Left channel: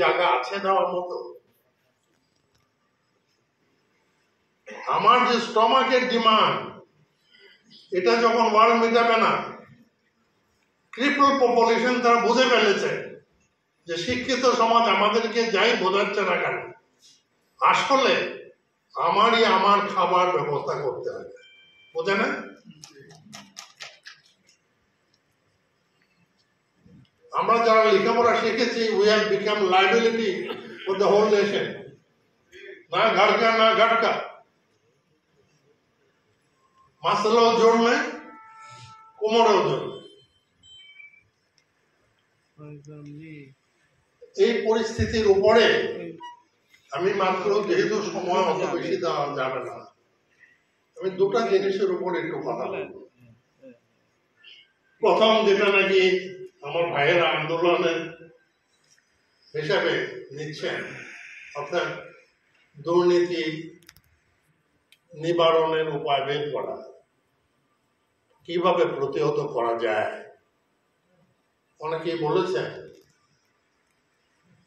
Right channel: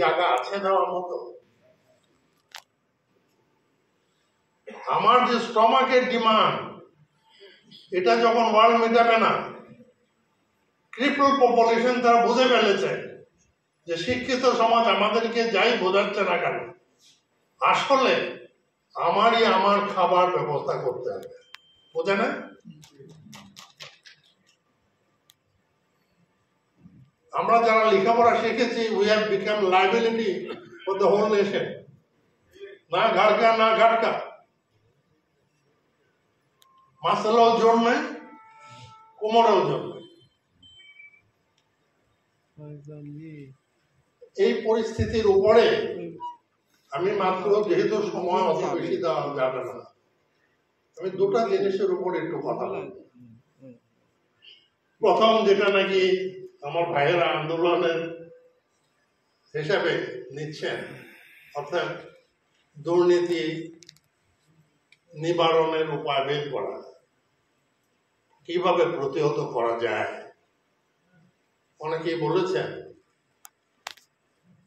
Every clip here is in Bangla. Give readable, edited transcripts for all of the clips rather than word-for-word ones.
জায়গা আছে দেওয়ার মতো? আমার যে স্টমাকের ডিমান্ড, এটা যখন ওয়ার্ল্ড মেটাবে না, ট্রিপল পপুলেশন তারা বুঝে ফেলেছে যে শিক্ষিত সমাজ আমাদেরকে যাই বোঝাচ্ছে না কেন, আসলে আমার খাবার ব্যবস্থা করতে হবে, বোঝে না? আমরা যারা লেখাপড়া শিখেছি, we have become liability for the whole nation. না ঘাটকা না ঘাটকা, মাসালাও জন্মে, কোমরেও জন্মে। এই পরিস্থিতির উপরে আমি মাত্র, যেহেতু সময় অত বেশি দেওয়া যাবে না, আমি দুটা জিনিসের উপর একটু কথা বলব। প্রথম, যেটা নাকি আমার ভাইয়েরা আন্দোলনের হিসাবে নিচ্ছেন, অর্থাৎ দুর্নীতি নিবারণের উপায় বের করা, কিভাবে প্রতিহত করা যায়। অনেকেই বলেছেন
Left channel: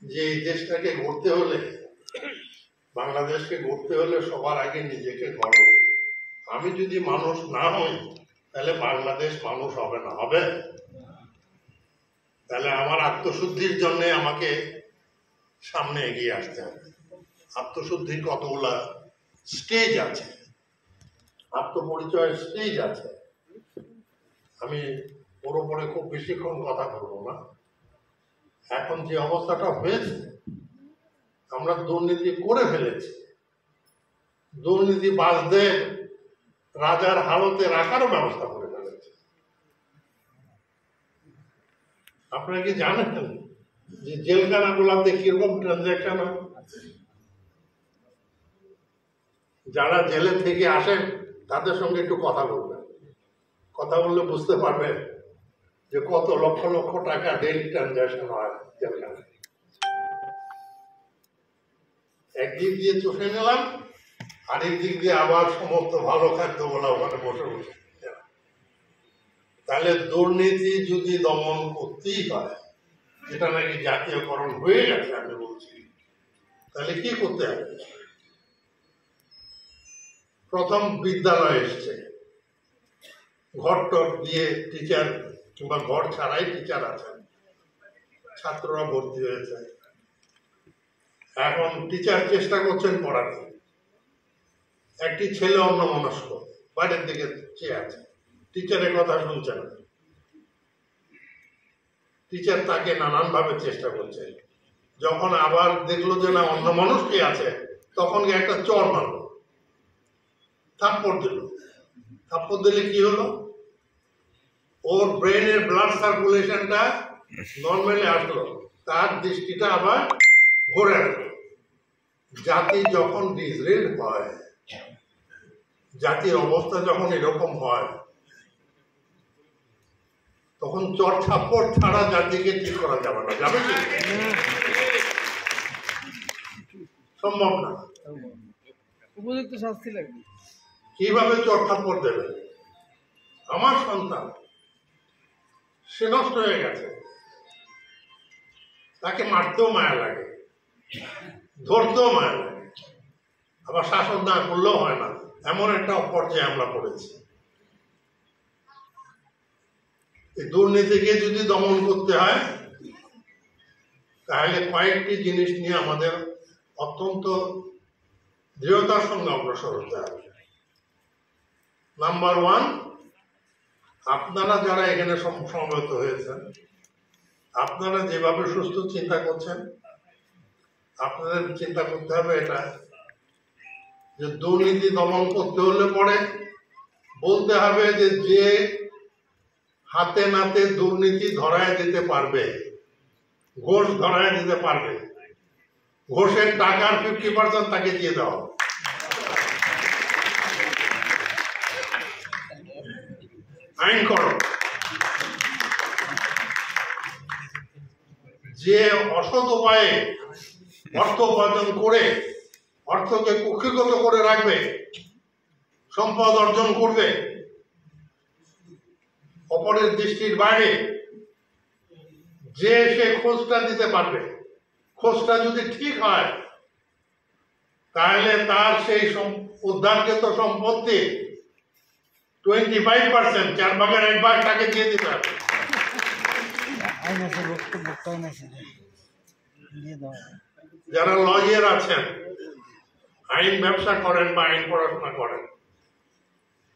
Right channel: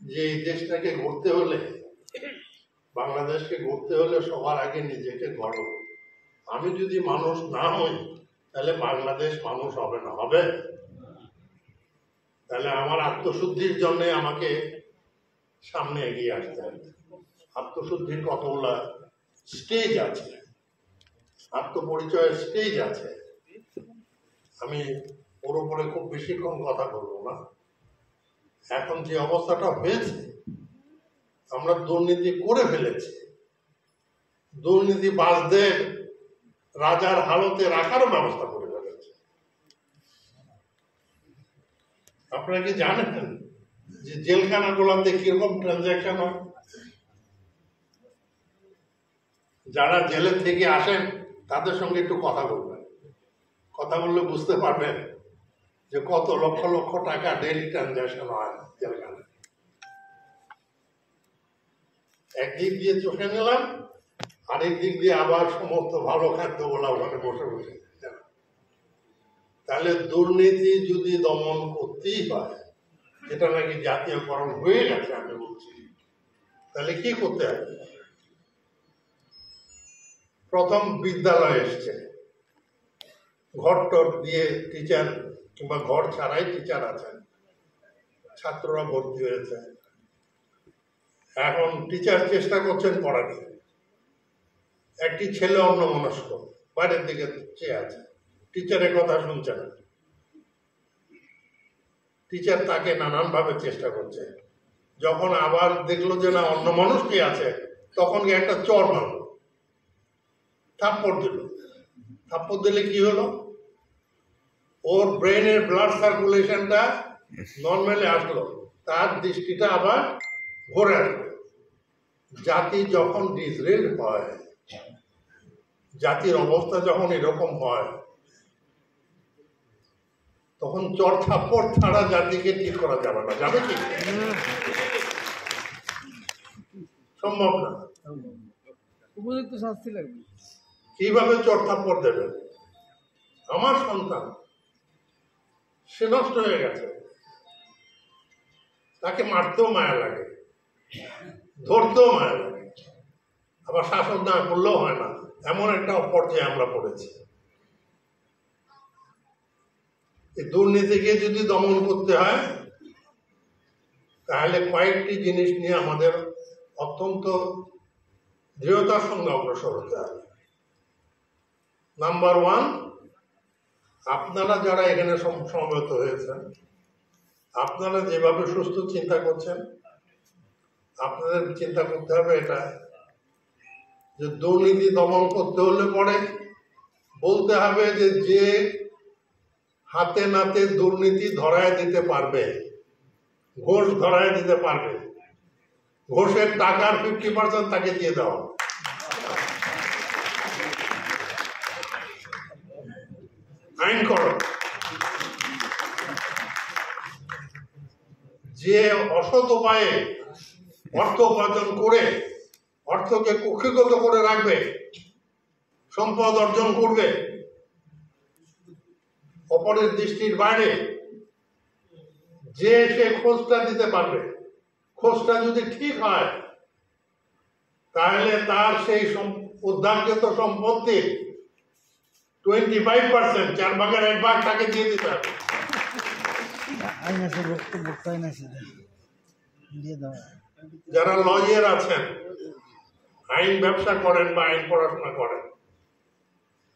যে এই দেশটাকে গড়তে হলে, বাংলাদেশকে গড়তে হলে সবার আগে নিজেকে গড়ো। আমি যদি মানুষ না হই, তাহলে বাংলাদেশ মানুষ হবে না। হবে? তাহলে আমার আত্মশুদ্ধির জন্য আমাকে সামনে এগিয়ে আসতে হবে। আত্মশুদ্ধির কতগুলা স্টেজ আছে, আত্মপরিচয়ের স্টেজ আছে। আমি ওর উপরে খুব বেশিক্ষণ কথা বলবো না। এখন যে অবস্থাটা হয়েছে, আমরা দুর্নীতি করে ফেলেছি। দুর্নীতিবাজদের রাজার হালতে রাখারও ব্যবস্থা করে ফেলেছে। আপনারা কি জানেন যে জেলখানাগুলোতে কিরকম ট্রানজাকশন হয়? যারা জেলের থেকে আসেন তাদের সঙ্গে একটু কথা বলবেন। কথা বললে বুঝতে পারবেন যে কত লক্ষ লক্ষ টাকা ডেইলি ট্রানজাকশন হয় জেলখানায়। একদিক দিয়ে চোখে নিলাম, আরেক দিক দিয়ে আবার সমস্ত ভালো খাদ্য বলা ওখানে বসে বসে। তাহলে দুর্নীতি যদি দমন করতেই হয়, যেটা নাকি জাতীয়করণ হয়ে গেছে আমি বলছি, তাহলে কি করতে হবে? প্রথম বিদ্যালয় এসছে, ঘর টর দিয়ে টিচার কিংবা ঘর ছাড়াই টিচার আছেন, ছাত্ররা ভর্তি হয়েছে। এখন টিচার চেষ্টা করছেন পড়াতে। একটি ছেলে অন্যমনস্ক বাইরের দিকে চেয়ে আছে, টিচারের কথা শুনছে না। টিচার তাকে নানান ভাবে চেষ্টা করছে। যখন আবার দেখলো যে না অন্য মানুষ কি আছে, তখন একটা চর মারল, থাপ্পড় দিল। থাপ্পড় দিলে কি হলো? ওর ব্রেনের ব্লাড সার্কুলেশনটা নর্মালি আসলো, তার দৃষ্টিটা আবার ঘুরে আসলো। জাতি যখন ডিসরেল হয়, জাতির অবস্থা যখন এরকম হয়, তখন চর থাপ্পড় ছাড়া জাতিকে ঠিক করা যাবে না। যাবে কি? সম্ভব না। উপযুক্ত শাস্তি লাগবে। কিভাবে চর থাপ্পড় দেবে? আমার সন্তান, সে নষ্ট হয়ে গেছে, তাকে মারতেও মায়া লাগে, ধরতেও মায়া লাগে, আবার শাসন না করলেও হয় না। এমন একটা পর্যায়ে আমরা পড়েছি। এই দুর্নীতিকে যদি দমন করতে হয়, তাহলে কয়েকটি জিনিস নিয়ে আমাদের অত্যন্ত দৃঢ়তার সঙ্গে অগ্রসর হতে হবে। নাম্বার ওয়ান, আপনারা যারা এখানে সমবেত হয়েছেন, আপনারা যেভাবে সুস্থ চিন্তা করছেন, আপনাদের চিন্তা করতে হবে এটা যে দুর্নীতি দমন করতে হলে পরে বলতে হবে যে হাতে নাতে দুর্নীতি ধরায় দিতে পারবে, ঘোষ ধরায় দিতে পারবে, ঘোষের টাকার 50% তাকে দিয়ে দেওয়া। আইন করো। যে অসৎ উপায়ে অর্থ উপার্জন করে অর্থকে কক্ষিগত করে রাখবে, সম্পদ অর্জন করবে অপরের দৃষ্টির বাইরে, যে সে খোঁজটা দিতে পারবে, খোঁজটা যদি ঠিক হয় তাহলে তার সেই উদ্ধারকৃত সম্পত্তি 25%, 4/1 তাকে দিয়ে দিতে হবে। যারা লয়ার আছেন, আইন ব্যবসা করেন বা আইন পড়াশোনা করেন,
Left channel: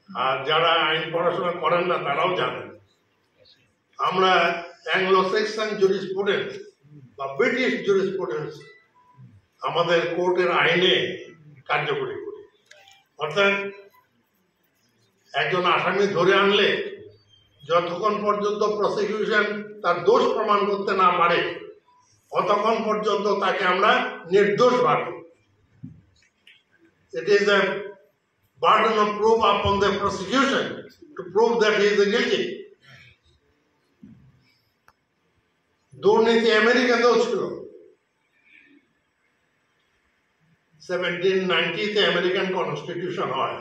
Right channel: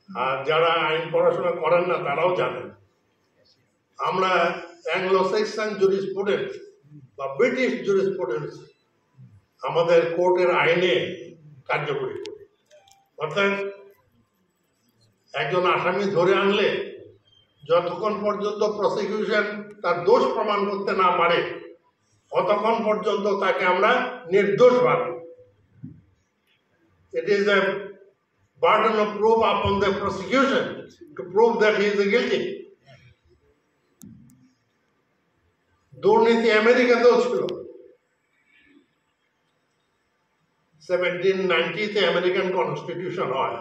আর যারা আইন পড়াশোনা করেন না তারাও জানেন, আমরা অ্যাংলো স্যাক্সন জুরিসপ্রুডেন্স বা ব্রিটিশ জুরিসপ্রুডেন্স আমাদের কোর্টের আইনে কার্যকরী করি। অর্থাৎ একজন আসামি ধরে আনলে যতক্ষণ পর্যন্ত প্রসিকিউশন তার দোষ প্রমাণ করতে না পারে ততক্ষণ পর্যন্ত তাকে আমরা নির্দোষ ভাবি। It is a burden of proof upon the prosecution to prove that he is guilty. দুর্নীতি আমেরিকাতেও ছিল। 1790-তে আমেরিকান কনস্টিটিউশন হয়,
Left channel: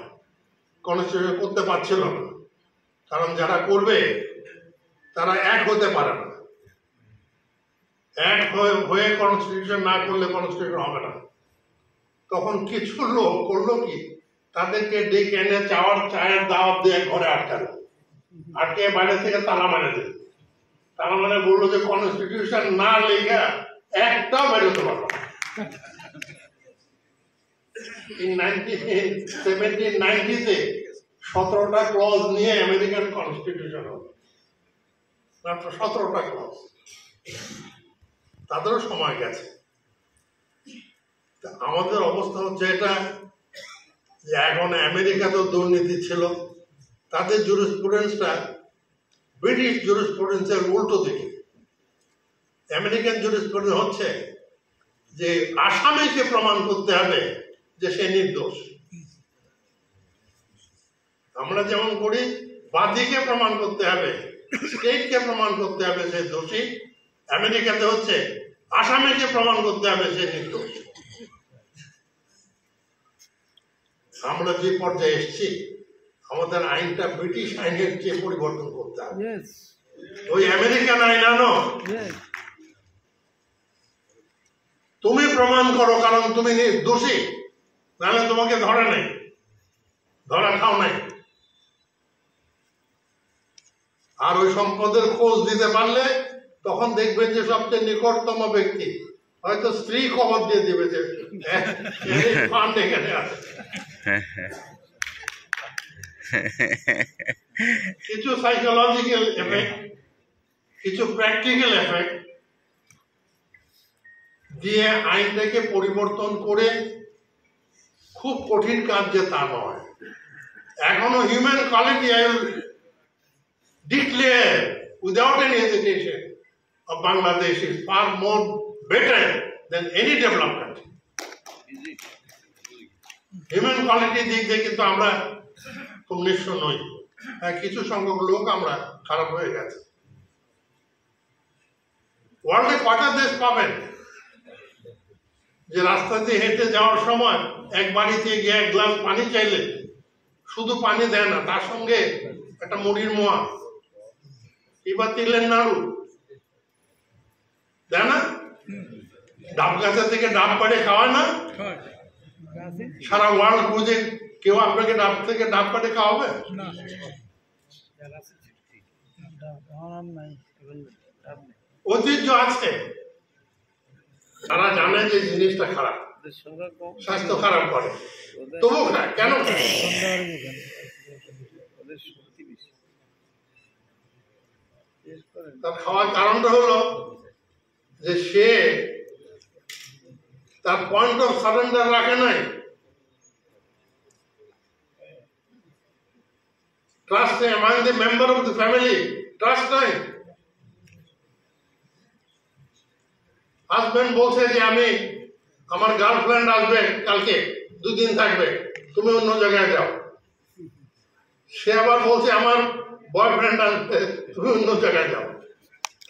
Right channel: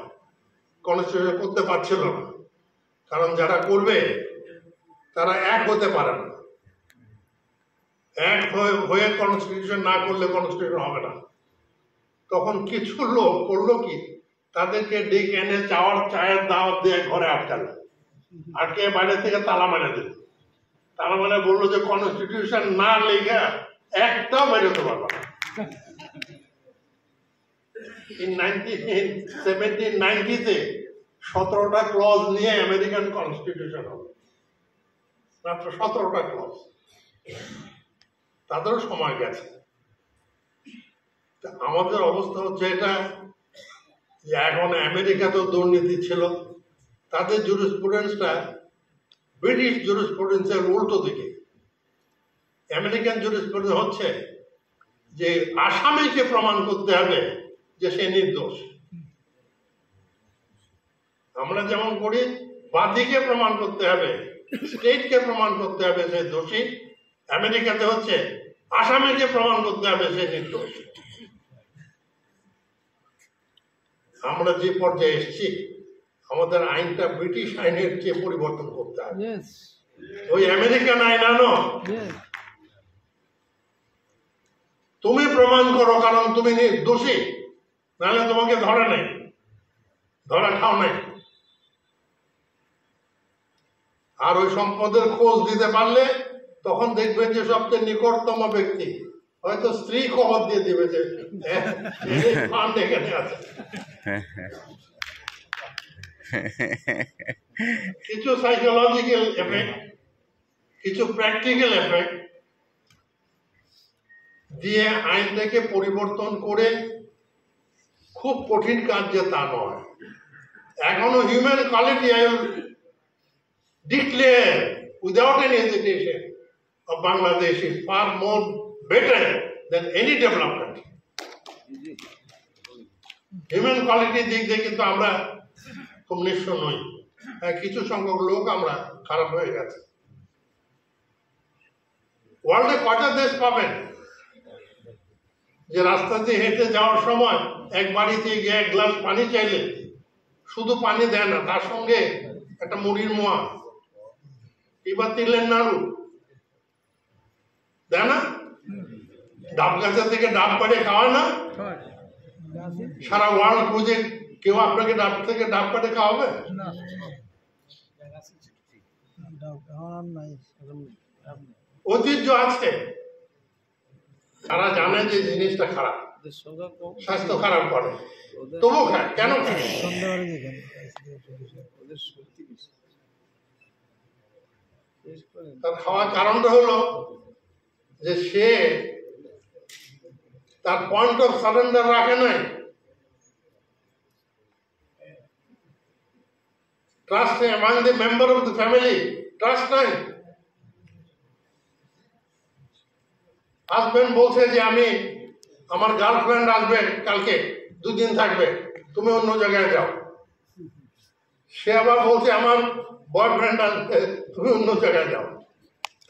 কনস্টিটিউশন করতে পারছিল না, কারণ যারা করবে তারা এক হতে পারে না। এক হয়ে কনস্টিটিউশন না করলে কনস্টিটিউশন হবে না। তখন কিছু লোক করলো কি, তাদেরকে ডেকে এনে চায়ের দাওয়াত দিয়ে ঘরে আটকালো, আটকে বাইরে থেকে তালা মারে দিল। তারা মানে বললো যে কনস্টিটিউশন না লেখা একটা বেরোতে পারবো না। 1790-তে 17টা ক্লজ নিয়ে আমেরিকান কনস্টিটিউশন হবে, মাত্র 17টা ক্লজ। তাদেরও সময় গেছে। আমাদের অবস্থা হচ্ছে এটা যে এখন আমেরিকাতেও দুর্নীতি ছিল, তাদের জুরিসপ্রুডেন্সটা ব্রিটিশ জুরিসপ্রুডেন্সের উল্টো দিকে। আমেরিকান জুরিসপ্রুডেন্স হচ্ছে যে আসামিকে প্রমাণ করতে হবে যে সে নির্দোষ। আমরা যেমন করি বাদীকে প্রমাণ করতে হবে, স্টেটকে প্রমাণ করতে হবে সে দোষী। আমেরিকাতে হচ্ছে আসামিকে প্রমাণ করতে হবে সে নির্দোষ। আমরা যে পর্যায়ে এসেছি, আমাদের আইনটা ব্রিটিশ আইনের চেয়ে পরিবর্তন করতে হবে। ওই আমেরিকান আইন আনো, তুমি প্রমাণ করো কারণ তুমি দোষী, নাহলে তোমাকে ধরা নেই, ধরা খাও নাই। আর ওই সম্পদের খোঁজ দিতে পারলে তখন দেখবেন যে সবচেয়ে নিকটতম ব্যক্তি হয়তো স্ত্রী খবর দিয়ে দিবে যে ফান্ড এখানে আছে। কিছু সাইকোলজিক্যাল এফেক্ট, কিছু প্র্যাকটিক্যাল এফেক্ট দিয়ে আইনটাকে পরিবর্তন করে খুব কঠিন কাজ যে তা নয়। এখনো human quality I declare without any hesitation of Bangladesh is far more better than any developed country. Human কোয়ালিটির দিক দিয়ে কিন্তু আমরা খুব নিঃস্ব নই। কিছু সংখ্যক লোক আমরা খারাপ হয়ে গেছে। ওয়ার্ল্ডে কটা দেশ পাবেন যে রাস্তা দিয়ে হেঁটে যাওয়ার সময় এক বাড়িতে গিয়ে এক গ্লাস পানি চাইলে শুধু পানি দেয় না, তার সঙ্গে একটা মুড়ির মোয়া এবার তিলের নাড়ু দেয় না, ডাব গাছের থেকে ডাব পাড়ে খাওয়ায় না। সারা ওয়ার্ল্ড খুঁজে কেউ আপনাকে ডাব থেকে ডাব পাড়ে খাওয়াবে? ঐতিহ্য আছে, তারা জানে যে জিনিসটা খারাপ, স্বাস্থ্য খারাপ করে, তবু খায়। কেন? তার খাওয়ার কারণটা হলো যে সে তার পয়েন্ট অফ সারেন্ডার রাখে নাই, ট্রাস্ট নেই among the member of the family, trust নাই। হাজবেন্ড বলছে যে আমি, আমার গার্লফ্রেন্ড আসবে কালকে, 2 দিন থাকবে, তুমি অন্য জায়গায় যাও। সে আবার বলছে আমার বয়ফ্রেন্ড আসবে, তুমি অন্য জায়গায় যাও।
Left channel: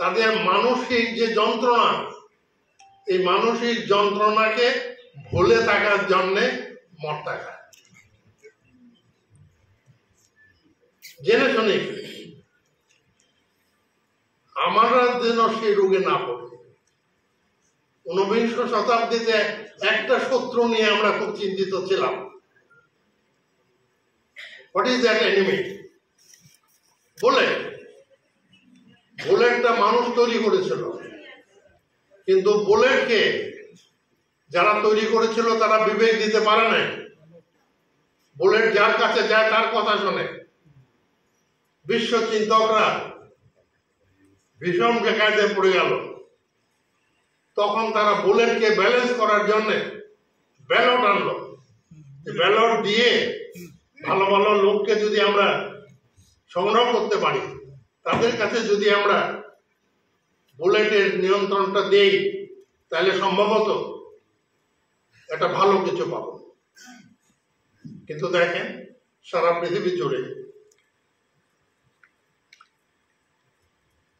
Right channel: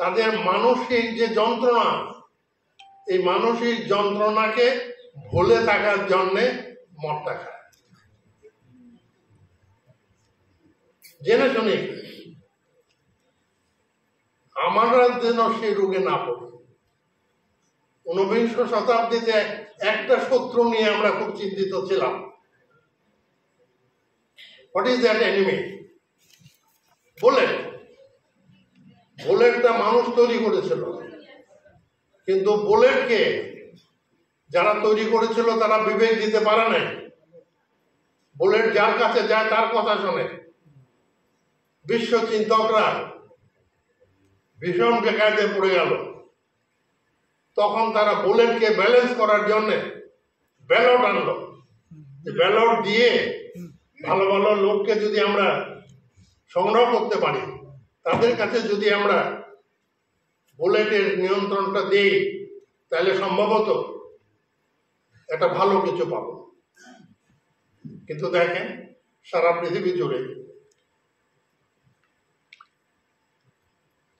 তাদের মানসিক যে যন্ত্রণা, এই মানসিক যন্ত্রণাকে ভুলে থাকার জন্যে মদটা খায়, জেনে শুনে। আমরা যেন সেই রোগে না পড়ি, ঊনবিংশ শতাব্দীতে একটা শত্রু নিয়ে আমরা খুব চিন্তিত ছিলাম। What is that enemy? Bullet. বুলেটটা মানুষ তৈরি করেছিল, কিন্তু বুলেটকে যারা তৈরি করেছিল তারা বিবেক দিতে পারে নাই। বুলেট যার কাছে যায় তার কথা শোনে। বিশ্ব চিন্তকরা ভীষণ বেকায়দে পড়ে গেল। তখন তারা বুলেটকে ব্যালেন্স করার জন্য ব্যালট আনলো। ব্যালট দিয়ে ভালো ভালো লোককে যদি আমরা সংগ্রহ করতে পারি, তাদের কাছে যদি আমরা বুলেটের নিয়ন্ত্রণটা দেই, তাহলে সম্ভবত একটা ভালো কিছু পাবো। কিন্তু দেখেন, সারা পৃথিবী জুড়ে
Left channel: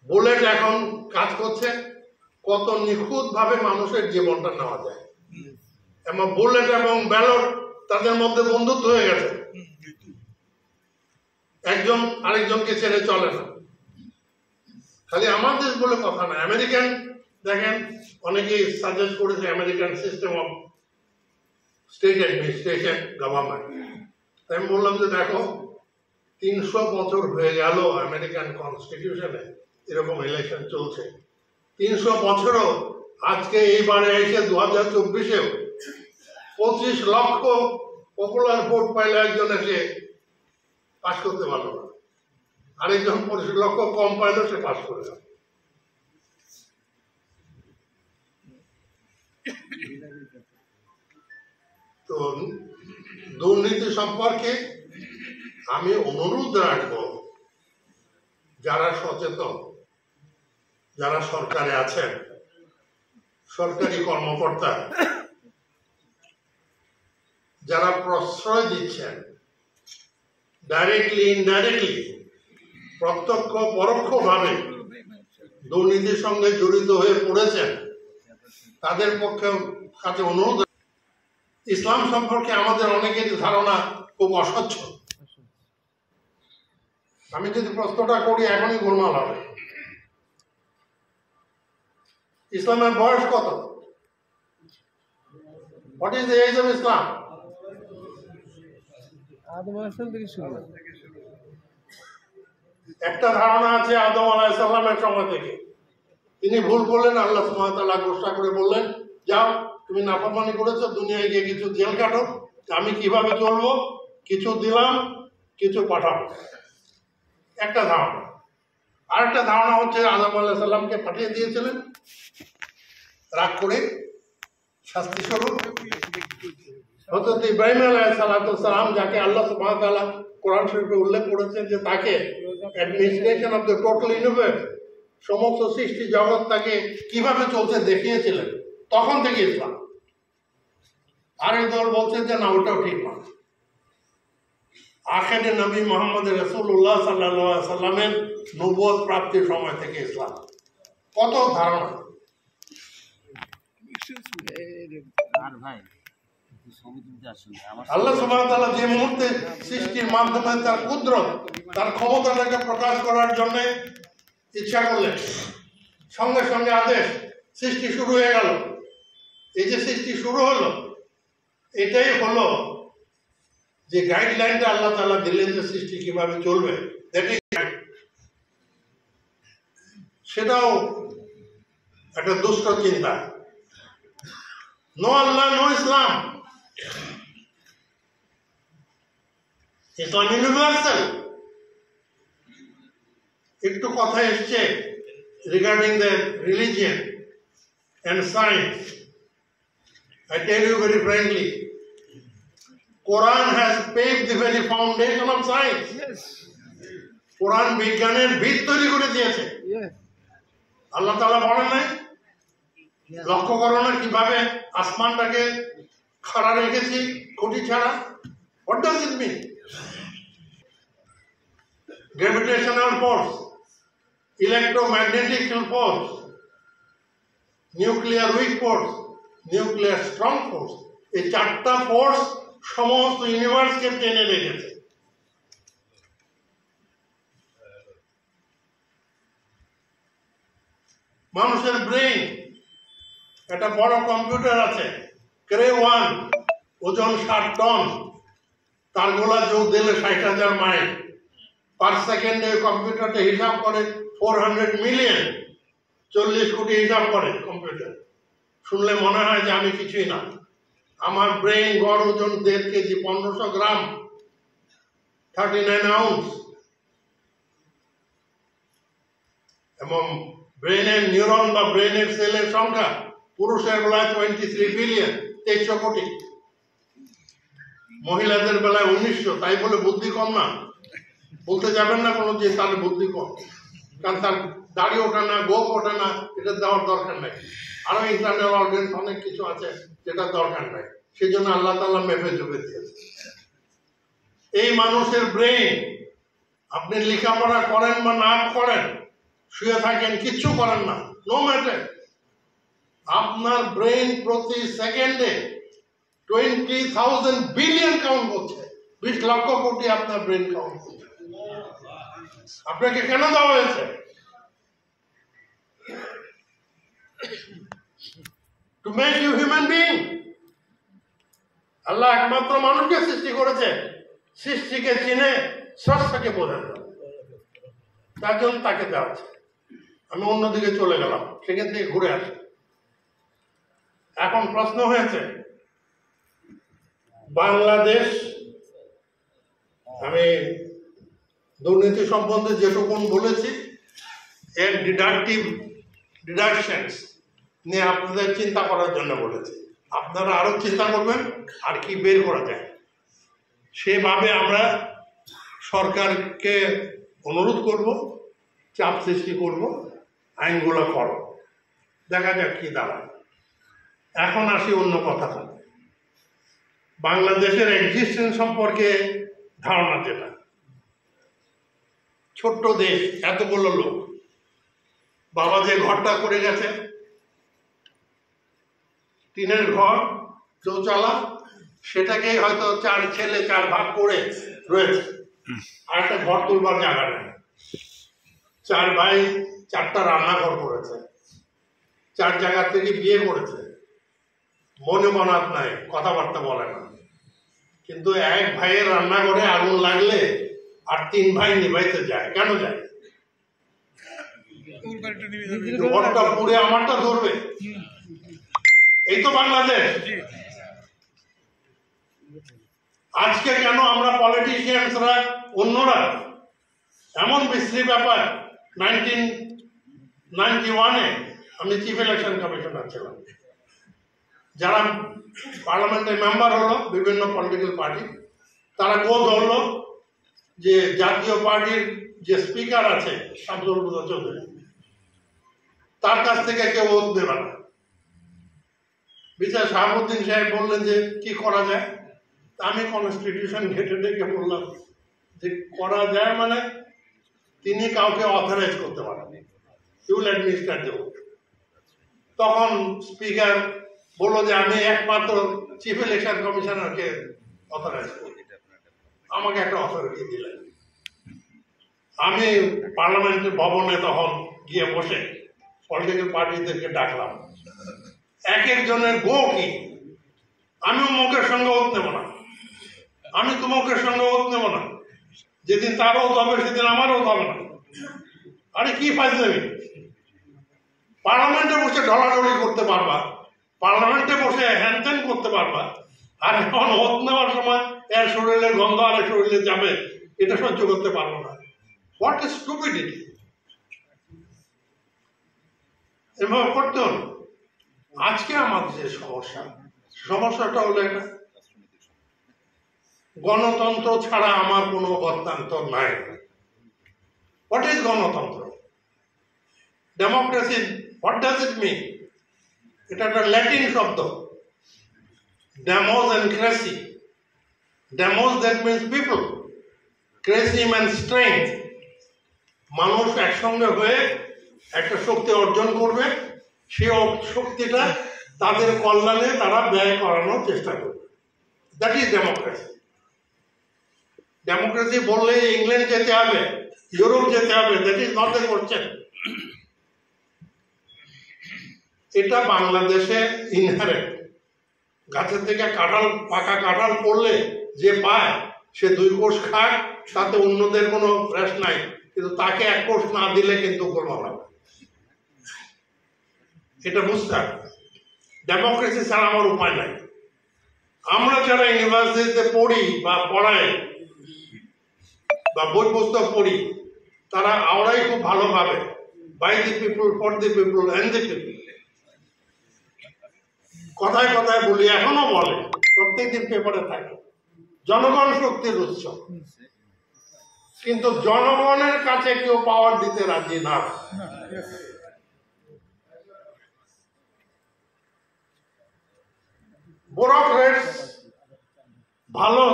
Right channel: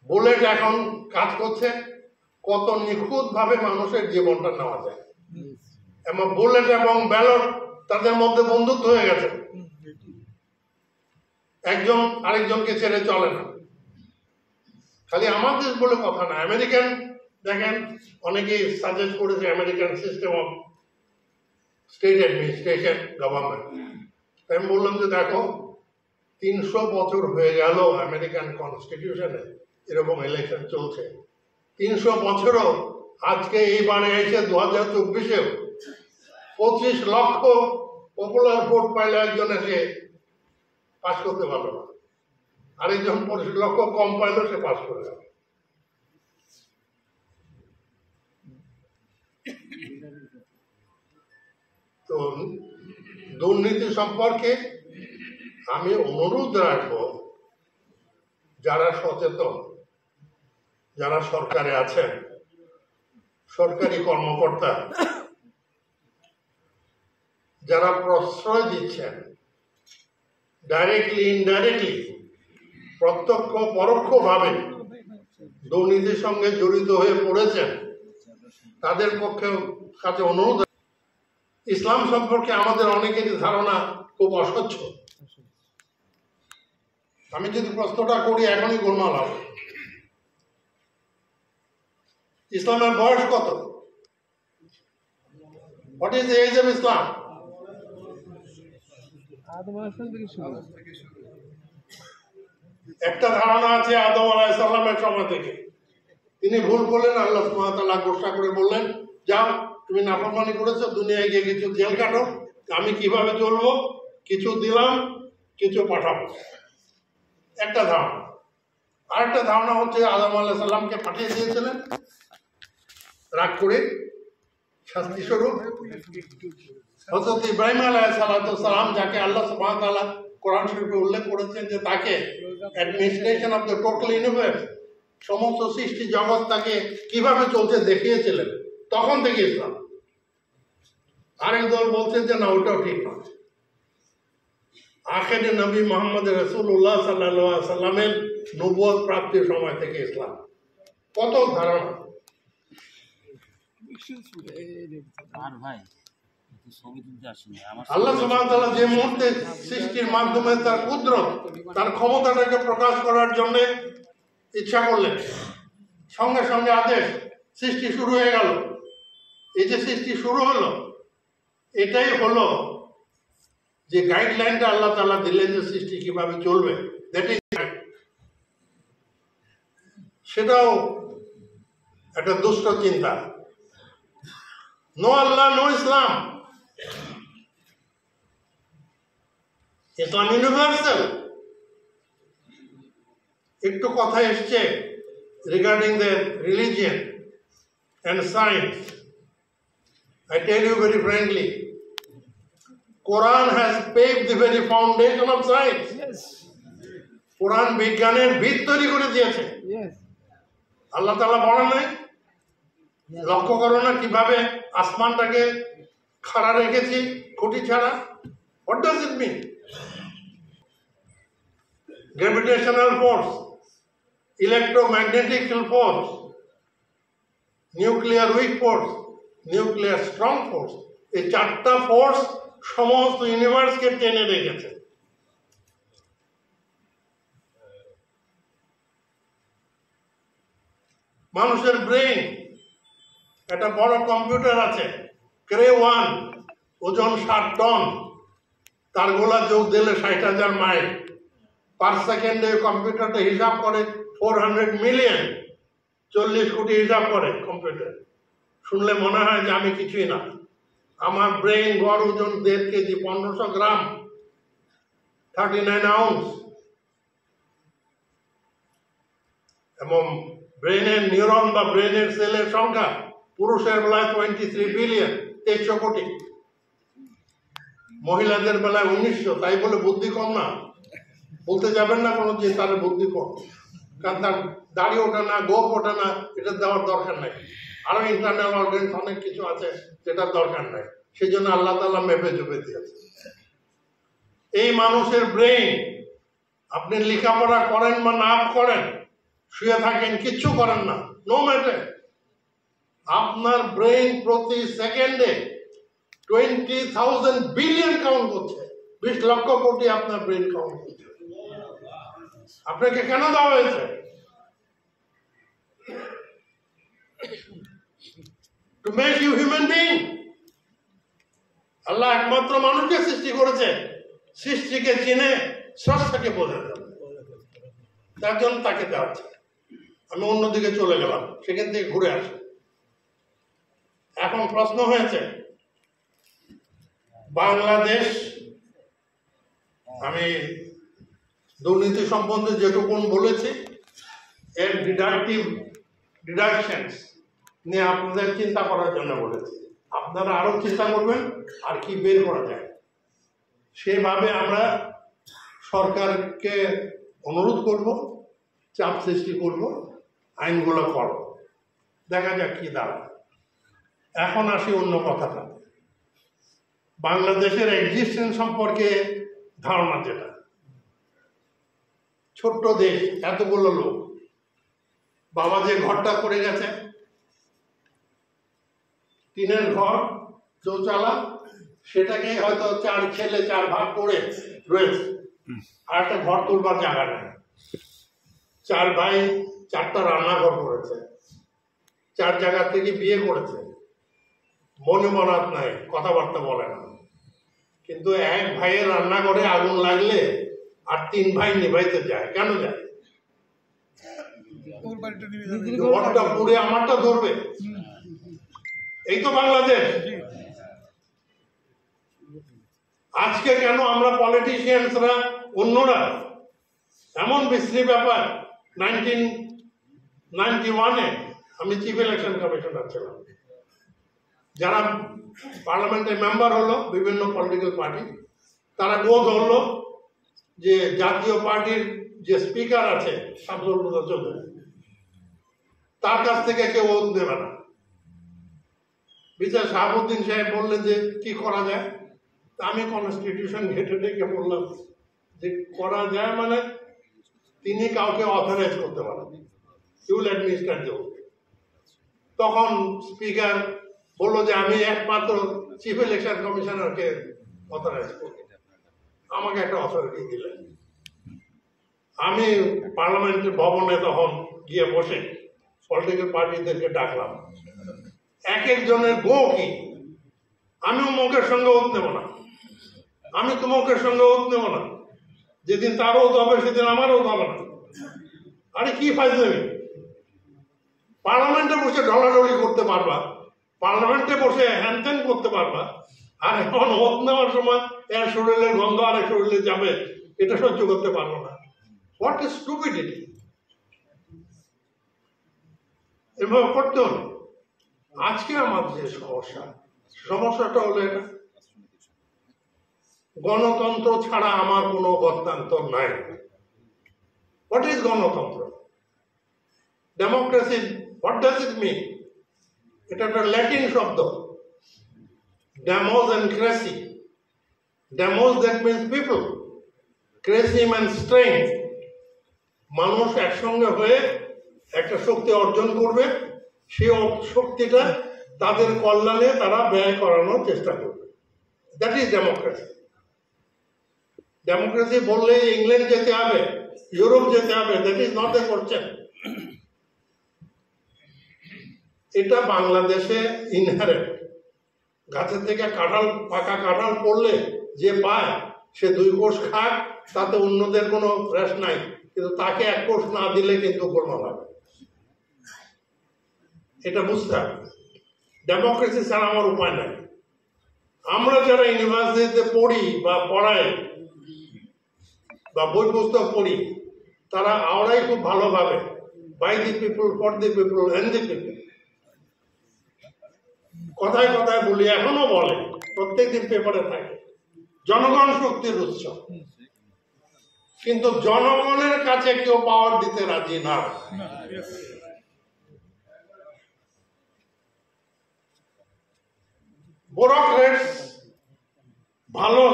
বুলেট এখন কাজ করছে কত নিখুঁত ভাবে মানুষের জীবনটা নেওয়া যায়। এবং বুলেট এবং ব্যালট তাদের মধ্যে বন্ধুত্ব হয়ে গেছে, একজন আরেকজনকে ছেড়ে চলে না। খালি আমাদের বলে কথা না, আমেরিকান দেখেন অনেকেই সাজেস্ট করেছে American system of state administration government. আমি বললাম যে দেখো, 300 বছর হয়ে গেল আমেরিকান কনস্টিটিউশনে এরকম ইলেকশন চলছে। 300 বছরও আজকে এইবারে এসে 2024-এও 25 লক্ষ পপুলার ভোট পাইলে একজন এসে পাস করতে পারলো না, আরেকজন 25 লক্ষ কম পাইলে সে পাস করে গেল। তো দুর্নীতি সম্পর্কে আমি অনুরোধ রাখবো, যারা সচেতন, যারা সরকারে আছেন, সরকারি কর্মকর্তা, যারা প্রশ্রয় দিচ্ছেন ডাইরেক্টলি ইনডাইরেক্টলি, প্রত্যক্ষ পরোক্ষভাবে দুর্নীতির সঙ্গে জড়িত হয়ে পড়েছেন, তাদের পক্ষে কাছে অনুরোধ। ইসলাম সম্পর্কে আমাদের অনেকের ধারণা খুব অস্বচ্ছ। আমি যদি প্রশ্নটা করি এখনই গোলমাল হবে। ইসলামের বয়স কত? What is the age of Islam? আদম আসল থেকে শুরু। একটা ধারণা আছে আদম আলাইহিস সালামের সময় থেকে। তিনি ভুল করলেন, আল্লাহ সুবহানাহু ওয়া তাআলা ঘোষণা করে বললেন, যাও তুমি নাফরমানি করেছো, দুনিয়ায় গিয়ে কিছু জেল কাটো। আমি কিভাবে চলবো? কিছু দিলাম, কিছু পাঠাবো। একটা ধারণা। আরেকটা ধারণা হচ্ছে আদম আলাইহিস সালামকে পাঠিয়ে দিয়েছিলেন রাগ করে শাস্তি স্বরূপ। হযরত ইব্রাহিম আলাইহিস সালাম, যাকে আল্লাহ সুবহানাহু ওয়া তাআলা কোরআন শরীফে উল্লেখ করেছেন যে তাকে administration of the total universe, সমস্ত সৃষ্টি জগৎ তাকে কিভাবে চলছে দেখিয়েছিলেন, তখন থেকে ইসলাম। আরেক দল বলছেন যে না, ওটাও ঠিক নয়। আখেরে নবী মুহাম্মদ রাসূলুল্লাহ সাল্লাল্লাহু আলাইহি সাল্লামের নবুয়ত প্রাপ্তির সময় থেকে ইসলাম। কত ধারণা! আল্লাহ সুবহানাহু ওয়া তাআলা যে মুহূর্তে সৃষ্টির মাধ্যমে তার কুদরত, তার ক্ষমতাটাকে প্রকাশ করার জন্য ইচ্ছা করলেন, সঙ্গে সঙ্গে আদেশ, সৃষ্টি শুরু হয়ে গেল। এই যে সৃষ্টি শুরু হলো, এটাই হলো যে গাইডলাইনটা আল্লাহ তাআলা দিলেন যে সৃষ্টি কিভাবে চলবে, সেটাও একটা দুষ্ট চিন্তা। নো আল্লাহ, নো ইসলাম। ইসলাম ইউনিভার্সাল। একটু কথা এসছে regarding the religion and science. I tell you very frankly, Quran has paved the very foundation of science. Yes. Quran বিজ্ঞানের ভিত তৈরি করে দিয়েছে। Yes. আল্লাহ তাআলা বলেন নাই, লক্ষ্য করো না কিভাবে আসমানটাকে খাড়া রেখেছি খুঁটি ছাড়া? What does it mean? Gravitational force, electromagnetic force, nuclear week force, nuclear strong force, এই 4টা ফোর্স সমস্ত ইউনিভার্সকে টেনে রেখেছে। মানুষের ব্রেইন একটা বড় কম্পিউটার আছে ক্রে 1, ওজন 60 টন, তার গোলা যোগ দিলে 60,000 মাইল পার সেকেন্ডে। কম্পিউটারটা হিসাব করে 400 মিলিয়ন, 40 কোটি হিসাব করে কম্পিউটার। শুনলে মনে হয় যে আমি কিছুই না। আমার ব্রেইন গড় ওজন 1.5 কেজি, 1500 গ্রাম, 39 আউন্স। এবং ব্রেইনের নিউরন বা ব্রেইনের সেলের সংখ্যা পুরুষের বেলায় 23 বিলিয়ন, 2300 কোটি, মহিলাদের বেলায় 1900। তাই বলে বুদ্ধি কম না, বলতে যাবেন না কোনো যে তার বুদ্ধি কম, কারণ তার দাড়ি ওঠে না, গোপ ওঠে না, এটা দেওয়ার দরকার নাই। আরো ইন্টারনাল অর্গানস অনেক কিছু আছে যেটা দরকার নাই, সেই জন্য আল্লাহ তাআলা মেপে জুপে দিয়েছে। এই মানুষের ব্রেইন, আপনি লেখাপড়া করেন বা না করেন, শুয়ে থাকেন, কিচ্ছু করেন না, নো ম্যাটার, আপনার ব্রেইন প্রতি সেকেন্ডে 20,000 বিলিয়ন কাউন্ট করছে, 20 লক্ষ কোটি আপনার ব্রেইন কাউন্ট করছে। আপনাকে কেন দেওয়া হয়েছে? To make you human being. আল্লাহ একমাত্র মানুষকে সৃষ্টি করেছে, সৃষ্টিকে চিনে স্রষ্টাকে বোঝা যাবে, তার জন্য তাকে দেওয়া হচ্ছে। আমি অন্যদিকে চলে গেলাম, সেখান থেকে ঘুরে আসি। এখন প্রশ্ন হয়েছে বাংলাদেশ, আমি দুর্নীতি সম্বন্ধে যেটুকুন বলেছি এর ডিডাকশনস নিয়ে আপনাদের চিন্তা করার জন্য বলেছি। আপনারা আরো চিন্তা করবেন আর কি বের করা যায়, সেভাবে আমরা সরকারকে অনুরোধ করব, চাপ সৃষ্টি করব, আইনগুলো পড়ো, দেখা যাক কি দাঁড়ায়। এখন আসি অন্য কথাটা, বাংলাদেশের এক্সিস্টেন্স সম্পর্কে ধারণা যেটা। ছোট্ট দেশ, এতগুলো লোক, বাবা যে ঘরটা করে গেছে, টিনের ঘর, চৌচালা, সেটাকে হয়তো 4 ছেলে 4 ভাগ করে রয়েছে, আর একটা ঘর তুলবার জায়গা নেই। 4 ভাই 4টা রান্নাঘর করেছে, 4 জায়গা থেকে বিয়ে করেছে, মনে মনাত নাই, কথাবার্তা বলে না, কিন্তু এক ভাইয়ের রান্নাঘরে আগুন লাগলে আর 3 ভাই নিভাইতে যায়। কেন যায়? ঘরটা পুড়ে আমারটা ধরবে, এই তো বাংলাদেশ। আজকে কেন আমরা পলিটিশিয়ানসরা, অন্যরা, এমন বিশ্রী ব্যাপার। 1991-এ আমি চিফ ইলেকশন কমিশনার ছিলাম, যারা পার্লামেন্টের মেম্বার হলো বিভিন্ন পলিটিক্যাল পার্টি, তারা গো ধরলো যে জাতীয় পার্টির যে স্পিকার আছে শামসুল হুদা চৌধুরী, তার কাছ থেকে কেউ ওত নেবে না। বিচার শাহাবুদ্দিন সাহেব বললেন যে কি করা যায়। আমি কনস্টিটিউশন ঘেটে ডেকে বললাম যে করা যায় মানে তিনি কাউকে অথরাইজ করতে পারেন, ইউল অ্যাডমিনিস্ট্রেট দেব। তখন স্পিকার বললো যে আমি একমাত্র চিফ ইলেকশন কমিশনারকে অথরাইজ করি, আমাকে একটা অথরিটি দিলেন। আমি পার্লামেন্টের ভবনে তখন গিয়ে বসে পলিটিক্যাল পার্টিদেরকে ডাকলাম, এক একজনের গো কি, আমি অমুকের সঙ্গে ওত নেব না, আমি তোমাকের সঙ্গে ওত নেব না, যেদিন তার ওত হবে সেদিন আমার ওত হবে না। আরে কি ফাজলামি! পার্লামেন্টে বসে ঢলাঢলি করতে পারবা, পার্লামেন্টে বসে হ্যানত্যান করতে পারবা, আর এখন ওত নেওয়ার সময় এর শরীরের গন্ধ আর শরীরে যাবে, এটা সহ্য করতে পারবো না। What is stupidity! এভাবে করতে হবে। আজকে আমাদের যে সমস্যাটা হলো এটা, গণতন্ত্র ছাড়া আমার কোনো গত্যন্তর নাই। হোয়াট ইজ গণতন্ত্র? Democracy, what does it mean? এটা একটা ল্যাটিন শব্দ, demos and cracy. Demos that means people, cracy means strength. মানুষ একসঙ্গে হয়ে একটা শক্তি অর্জন করবে, সেই শক্তিটা তাদের কল্যাণে তারা ব্যয় করানোর চেষ্টা করবে। That is democracy. ডেমোক্রেসি বললে ইংল্যান্ড যেতে হবে, ইউরোপ যেতে হবে, that is not the question. এটা বাংলাদেশে ইনহারেন্ট। গাছের থেকে কাঁঠাল, পাকা কাঁঠাল পড়লে যে পায় সে 2 কোষ খায়, তাতে অন্যদের কোনো ফ্রেশ নাই, কিন্তু তাকে 1 কোষ না দিলে কিন্তু কোনো হবে। এটা বুঝতে হবে। ডেমোক্রেসি ছাড়া আমার উপায় নাই। আমরা যারা ইউনিভার্সিটিতে পড়ি বা পড়াই বা বই পুস্তক পড়ি, তারা আমরাই খুব ভালোভাবে by the people, for the people, and the people কথায় কথায় বলি, এখনো বলে, প্রত্যেকদিন পেপারে থাকে জনগণ শক্তির উৎস। কিন্তু জনগণের কাছে কেউ পাওয়ার দিতে রাজি না। ব্যুরোক্রেটস, ভালো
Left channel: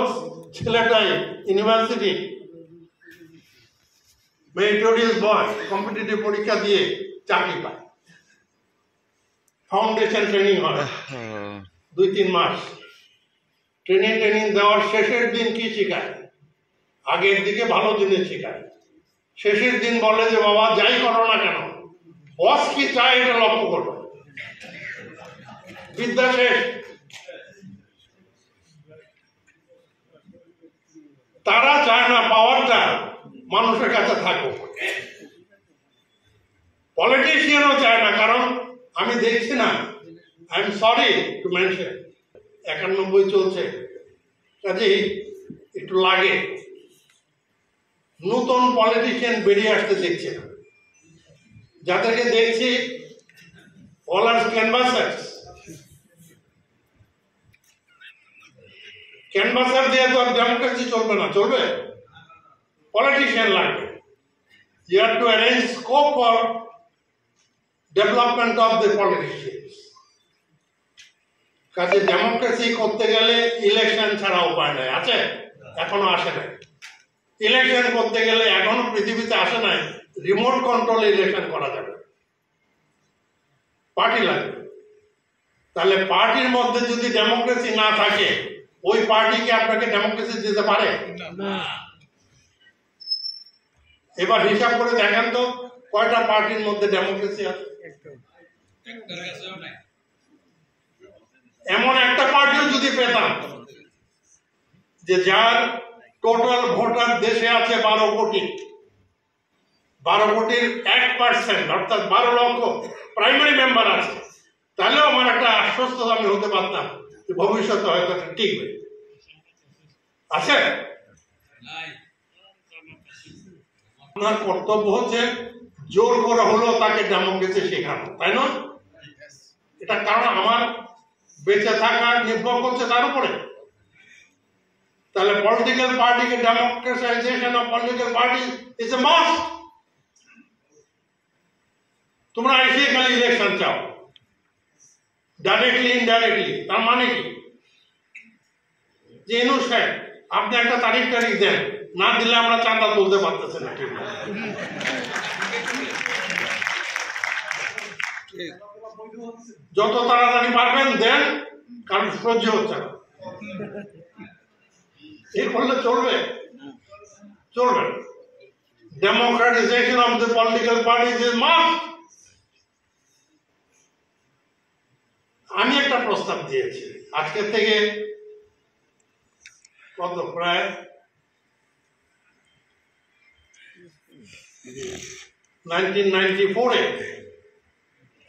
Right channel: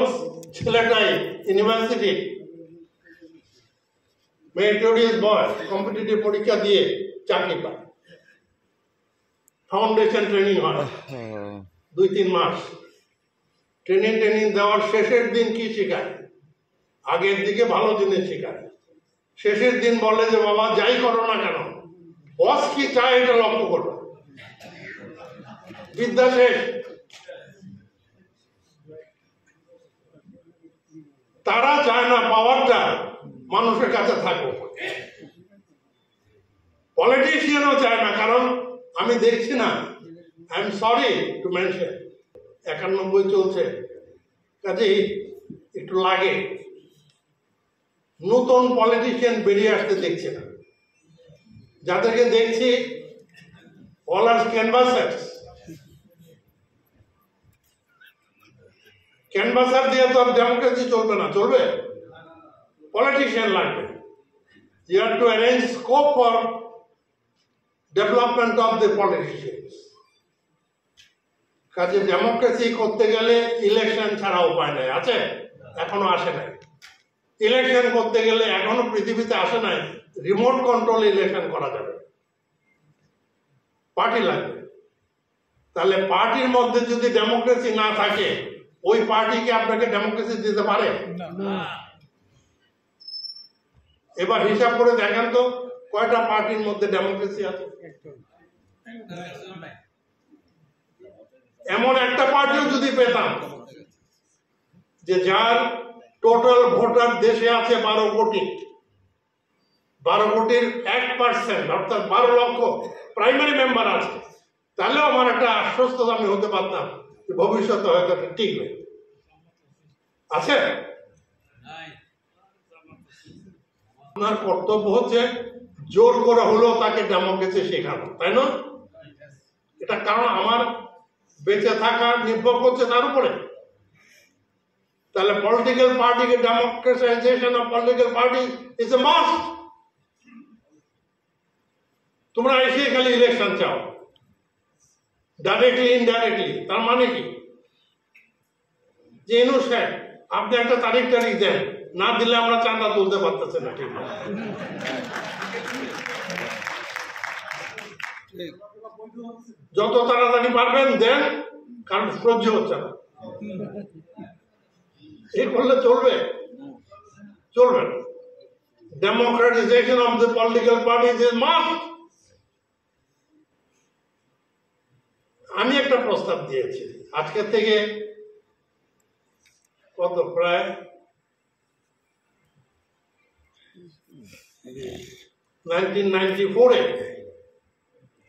ছেলেটাই ইউনিভার্সিটি মেরিটোরিয়াস বয় কম্পিটিটিভ পরীক্ষা দিয়ে চাকরি পায়, ফাউন্ডেশন ট্রেনিং হয় 2-3 মাস। ট্রেনিং দেওয়ার শেষের দিন কি শেখায়? আগের দিকে ভালো জিনিস শেখায়, শেষের দিন বলে যে বাবা যাই করো না কেন, বস কি চায় এটা লক্ষ্য করো। বিদ্যা শেষ। তারা চায় না পাওয়ারটা মানুষের কাছে থাকুক। পলিটিশিয়ানও চায় না, কারণ আমি দেখছি না, I am sorry to mention 91 চলছে, কাজেই একটু লাগে। নতুন পলিটিশিয়ান বেরিয়ে আসতে দেখছে না। যাদেরকে দেখছি অল আর ক্যানভাসার্স। ক্যানভাসার দিয়ে তো আর ডেমোক্রেসি চলবে না, চলবে পলিটিশিয়ান লাগবে। You have to arrange scope for development of the politicians. কাজে ডেমোক্রেসি করতে গেলে ইলেকশন ছাড়া উপায় নাই। আছে? এখনো আসে নাই। ইলেকশন করতে গেলে এখনো পৃথিবীতে আসে নাই রিমোট কন্ট্রোলে ইলেকশন করা যাবে। পার্টি লাগবে। তাহলে পার্টির মধ্যে যদি ডেমোক্রেসি না থাকে, ওই পার্টিকে আপনাকে ডেমোক্রেসি দিতে পারে না। এবার হিসাব করে দেখেন তো কয়টা পার্টির মধ্যে ডেমোক্রেসি আছে? এমন একটা পার্টিও যদি পেতাম যে যার টোটাল ভোটার দেশে আছে 12 কোটি, 12 কোটির 1% অর্থাৎ 12 লক্ষ প্রাইমারি মেম্বার আছে, তাহলেও আমার একটা আশ্বস্ত আমি হতে পারতাম যে ভবিষ্যতে হয়তো একটা টিকবে। আছে? আপনার কর্তব্য হচ্ছে জোর করে হলেও তাকে ডেমোক্রেসি শেখানো, তাই না? এটা কারণ আমার বেঁচে থাকা নির্ভর করছে তার উপরে। তাহলে পলিটিক্যাল পার্টিকে democratisation of political party is a must. তোমরা এসে খালি ইলেকশন চাও ডাইরেক্টলি ইনডাইরেক্টলি, তার মানে কি? যে ইনু সাহেব আপনি একটা তারিখ দেন, না দিলে আমরা চাঁদা তুলতে পারতেছি না। ঠিক যত তাড়াতাড়ি পারবেন দেন, কারণ সহ্য হচ্ছে না। এই করলে চলবে? চলবে। Democratisation of the political parties is must. আমি একটা প্রস্তাব দিয়েছি আজকে থেকে কত প্রায় 1994-এ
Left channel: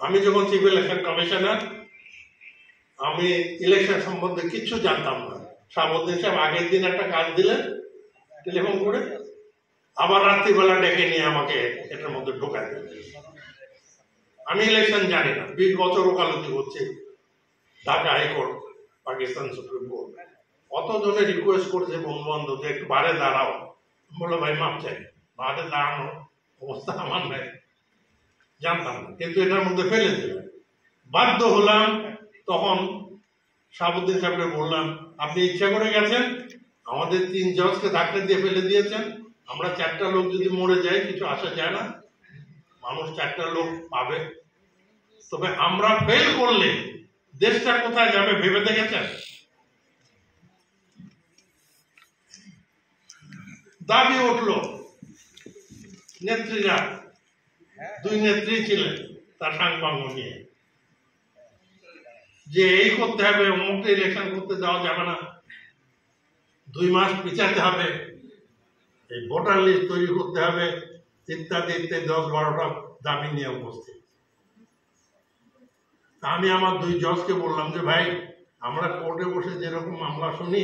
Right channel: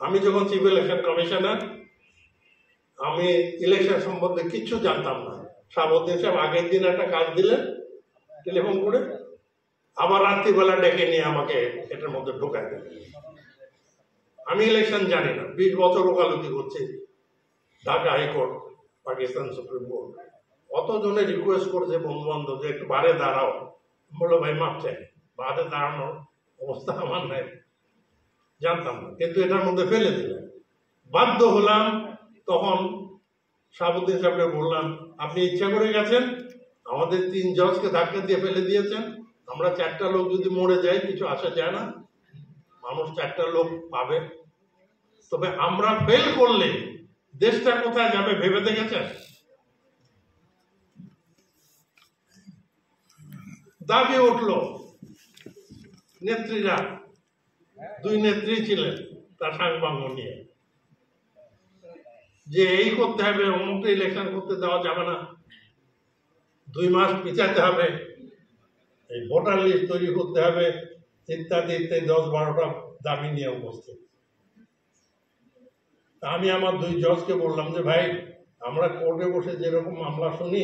আমি যখন চিফ ইলেকশন কমিশনার, আমি ইলেকশন সম্বন্ধে কিচ্ছু জানতাম না। শাহাবুদ্দিন সাহেব আগের দিন একটা কাজ দিলেন টেলিফোন করে, আবার রাত্রিবেলা ডেকে নিয়ে আমাকে এটার মধ্যে ঢোকায় দিলেন। আমি ইলেকশন জানি না, 20 বছর ওকালতি করছি Dhaka high court, Pakistan supreme court, অতজনে রিকোয়েস্ট করছে বন্ধু বান্ধব যে একটু বারে দাঁড়াও। বলো ভাই মাপ চাই, বারে দাঁড়ানো অবস্থা আমার নাই, জানতাম না, কিন্তু এটার মধ্যে ফেলে দিলাম। বাধ্য হলাম। তখন শাহাবুদ্দিন সাহেবকে বললাম, আপনি ইচ্ছা করে গেছেন, আমাদের 3 জজকে ধাক্কা দিয়ে ফেলে দিয়েছেন। আমরা 4টা লোক যদি মরে যাই কিছু আসা যায় না, মানুষ 4টা লোক পাবে। তবে আমরা ফেল করলে দেশটা কোথায় যাবে ভেবে দেখেছেন? দাবি উঠল নেত্রীরা, 2 নেত্রী ছিলেন তার সাংবাঙ্গ নিয়ে, যে এই করতে হবে, অমুকটা ইলেকশন করতে দেওয়া যাবে না, 2 মাস পিছাতে হবে, এই ভোটার লিস্ট তৈরি করতে হবে, ইত্যাদি ইত্যাদি 10-12টা দাবি নিয়ে উপস্থিত। তা আমি আমার 2 জজকে বললাম যে ভাই, আমরা কোর্টে বসে যেরকম মামলা শুনি,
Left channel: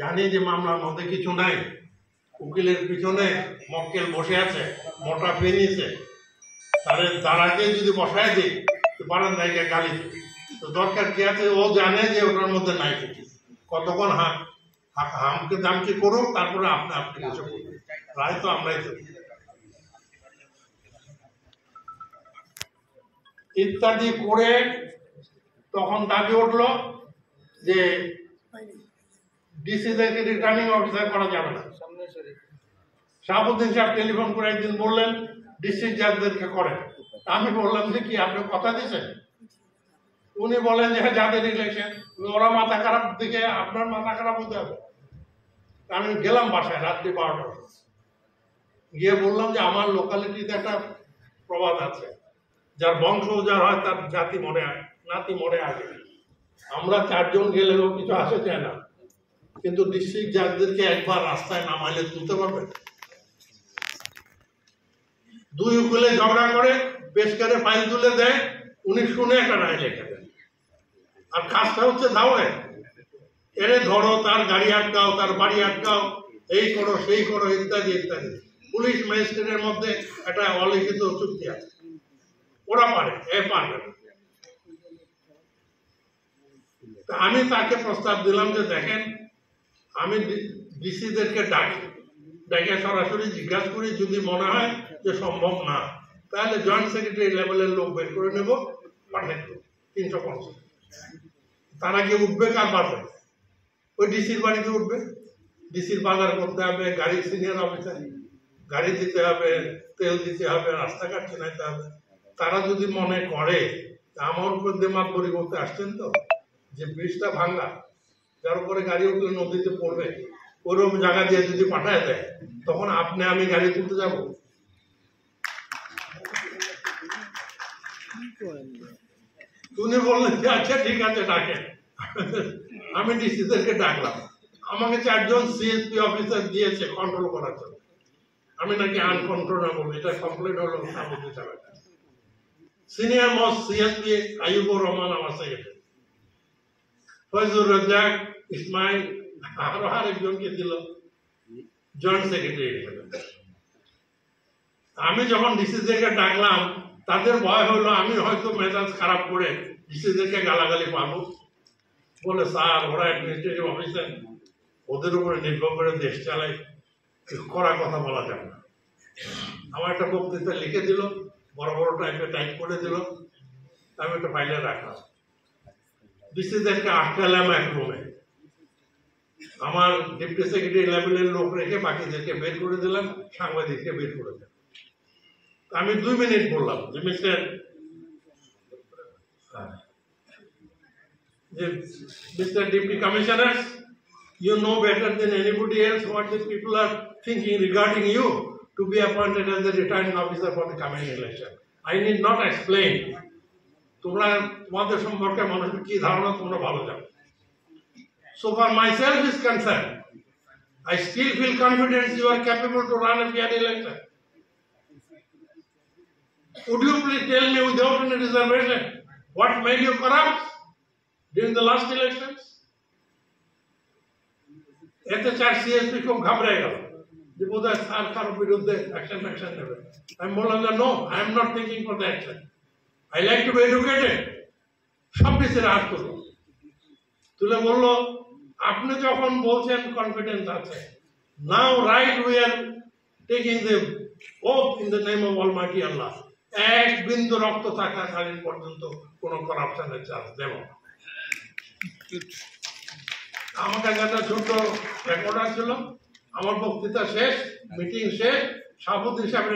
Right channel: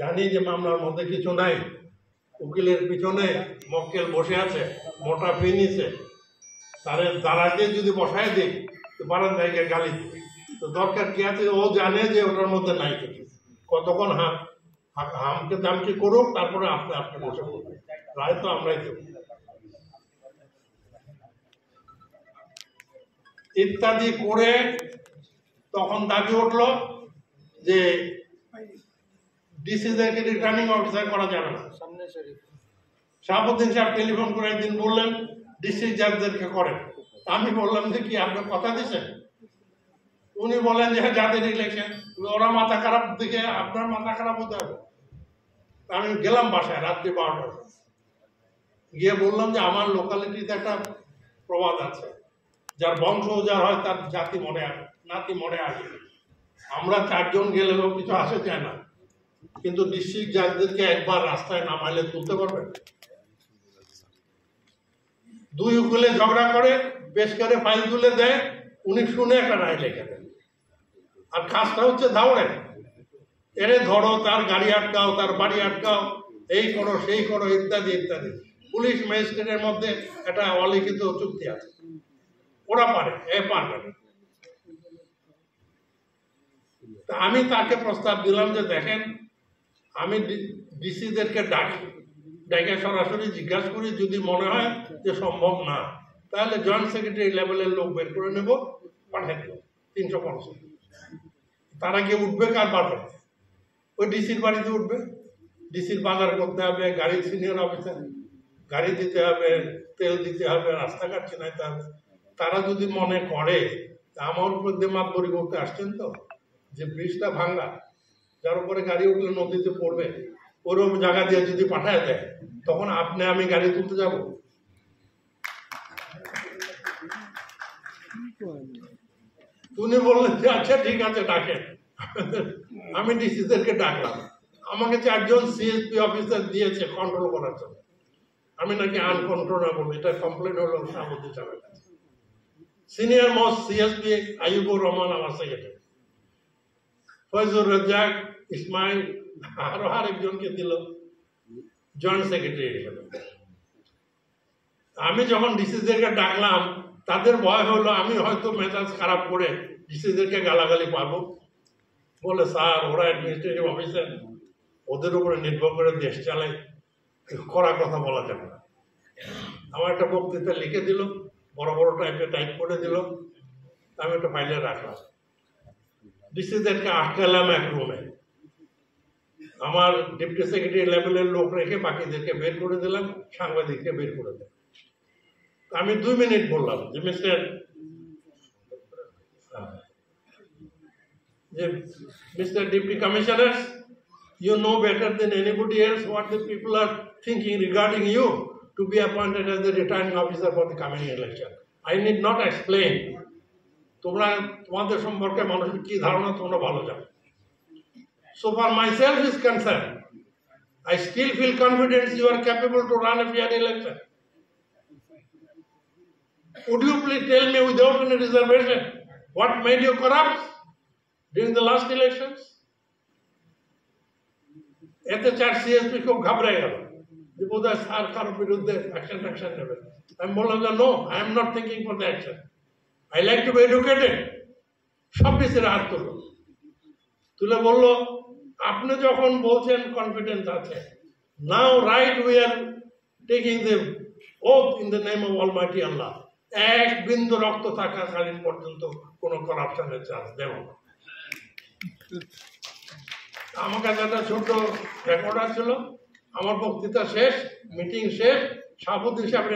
জানি যে মামলার মধ্যে কিছু নাই, উকিলের পিছনে মক্কেল বসে আছে, মোটা ফি নিছে, তার দ্বারাকে যদি বসায় দিই তো পারেন জায়গায় গালি দিবে, তো দরকার কি আছে? ও জানে যে ওটার মধ্যে নাই কিছু, কতক্ষণ হামকে দামকে করুক, তারপরে আপনি বসে করবেন, রায় তো আমরাই তো ইত্যাদি করে তখন দাবি উঠলো যে ডিসিদেরকে রিটার্নিং অফিসার করা যাবে না। শাহাবুদ্দিন সাহেব টেলিফোন করে একদিন বললেন ডিস্ট্রিক্ট জাজদেরকে করেন। আমি বললাম যে কি আপনি কথা দিয়েছেন? উনি বলেন যে যাদের ইলেকশন, ওরা মাথা খারাপ দিকে আপনার মাথা খারাপ হতে হবে। আমি গেলাম বাসায় রাত্রি 12টা, গিয়ে বললাম যে আমার লোকালিটিতে একটা প্রবাদ আছে, যার বংশ যার হয় তার জাতি মনে নাতি মনে আগে। আমরা 4 জন গেলেও কিছু আসে যায় না, কিন্তু ডিস্ট্রিক্ট জাজদেরকে একবার রাস্তায় নামাইলে তুলতে পারবে? 2 উকিলে ঝগড়া করে পেশ করে ফাইল তুলে দেয়, উনি শুনে একটা রায় লেখা দেন। আর কাজটা হচ্ছে দাওড়ে, এরে ধরো, তার গাড়ি আটকাও, তার বাড়ি আটকাও, এই করো সেই করো ইত্যাদি ইত্যাদি। পুলিশ ম্যাজিস্ট্রেটের মধ্যে একটা অলিখিত চুক্তি আছে, ওরা পারে, এ পারবে না। আমি তাকে প্রস্তাব দিলাম যে দেখেন, আমি ডিসিদেরকে ডেকে সরাসরি জিজ্ঞাসা করি, যদি মনে হয় যে সম্ভব না, তাহলে জয়েন্ট সেক্রেটারি লেভেলের লোক বের করে নেব, পাঠিয়ে দেবো 350। তারা গিয়ে উঠবে কার বাড়বে? ওই ডিসির বাড়িতে উঠবে। ডিসির বাজার করতে হবে, গাড়ির সিনিয়র অফিসার গাড়ি দিতে হবে, তেল দিতে হবে, রাস্তাঘাট চেনাইতে হবে। তারা যদি মনে করে আমার উপর দেমাগ বড়ি করতে আসছেন, তো যে ব্রিজটা ভাঙ্গা, যার উপরে গাড়ি উঠলে নদীতে পড়বে, ওরকম জায়গা দিয়ে যদি পাঠায় দেয়, তখন আপনি আমি গাড়ি তুলতে যাব? উনি বললেন যে আচ্ছা ঠিক আছে ডাকেন। আমি ডিসিদেরকে ডাকলাম, আমাকে 4 জন সিএসপি অফিসার দিয়েছে কন্ট্রোল করার জন্য। আমি নাকি আনকন্ট্রোলেবল, এটা কমপ্লেন হলো শাহাবুদ্দিন সাহেবের কাছে। সিনিয়র মোস্ট সিএসপি আইয়ুবুর রহমান আমার সেক্রেটারি, ফয়জুর রাজ্জাক, ইসমাইল, আরো আরেকজনকে দিল জয়েন্ট সেক্রেটারি হিসেবে। আমি যখন ডিসিদেরকে ডাকলাম, তাদের ভয় হলো আমি হয়তো মেজাজ খারাপ করে ডিসিদেরকে গালাগালি পারবো, বলে স্যার ওরা অ্যাডমিনিস্ট্রেটিভ অফিসার, ওদের উপরে নির্ভর করে দেশ চালায়, কড়া কথা বলা যাবে না। আমার একটা বক্তৃতা লিখে দিল, বড় বড় টাইপ করে দিল, আমি একটা ফাইলে রাখলাম। ডিসিদেরকে আটকালাম এক রুমে, আমার ডেপুটি সেক্রেটারি লেভেলের লোক রেখে বাকিদেরকে বের করে দিলাম, সাংবাদিককে বের করে দিলাম। আমি 2 মিনিট বললাম যে Mr. Deputy Commissioners, you know better than anybody else what the people are thinking regarding you to be appointed as the returning officer for the coming election. I need not explain. তোমাদের সম্পর্কে মানুষের কি ধারণা তোমরা ভালো জানো। So far myself is concerned, I still feel confident you are capable to run a fair election. Would you please tell me without any reservation what made you corrupt during the last elections? এতে 4 সিএসপি খুব ঘাবড়ে গেল যে বোধহয় স্যার কারোর বিরুদ্ধে অ্যাকশন নেবে। আমি বললাম যে no, I am not thinking for the action, I like to be educated. সব ডিসিরা হাত তুলে বললো আপনি যখন বলছেন কনফিডেন্স আছে, now right we are taking the oath in the name of almighty Allah, 1 বিন্দু রক্ত থাকাকালীন পর্যন্ত কোন করাপশনের চান্স দেব না। আমার কাছে একটা ছোট রেকর্ডার ছিল, আমার বক্তৃতা শেষ, মিটিং শেষ, শাহাবুদ্দিন সাহেব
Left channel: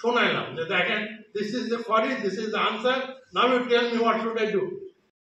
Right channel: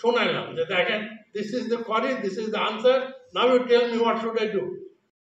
শোনাইলাম যে দেখেন, this is the query, this is the answer, now you tell me what should I do.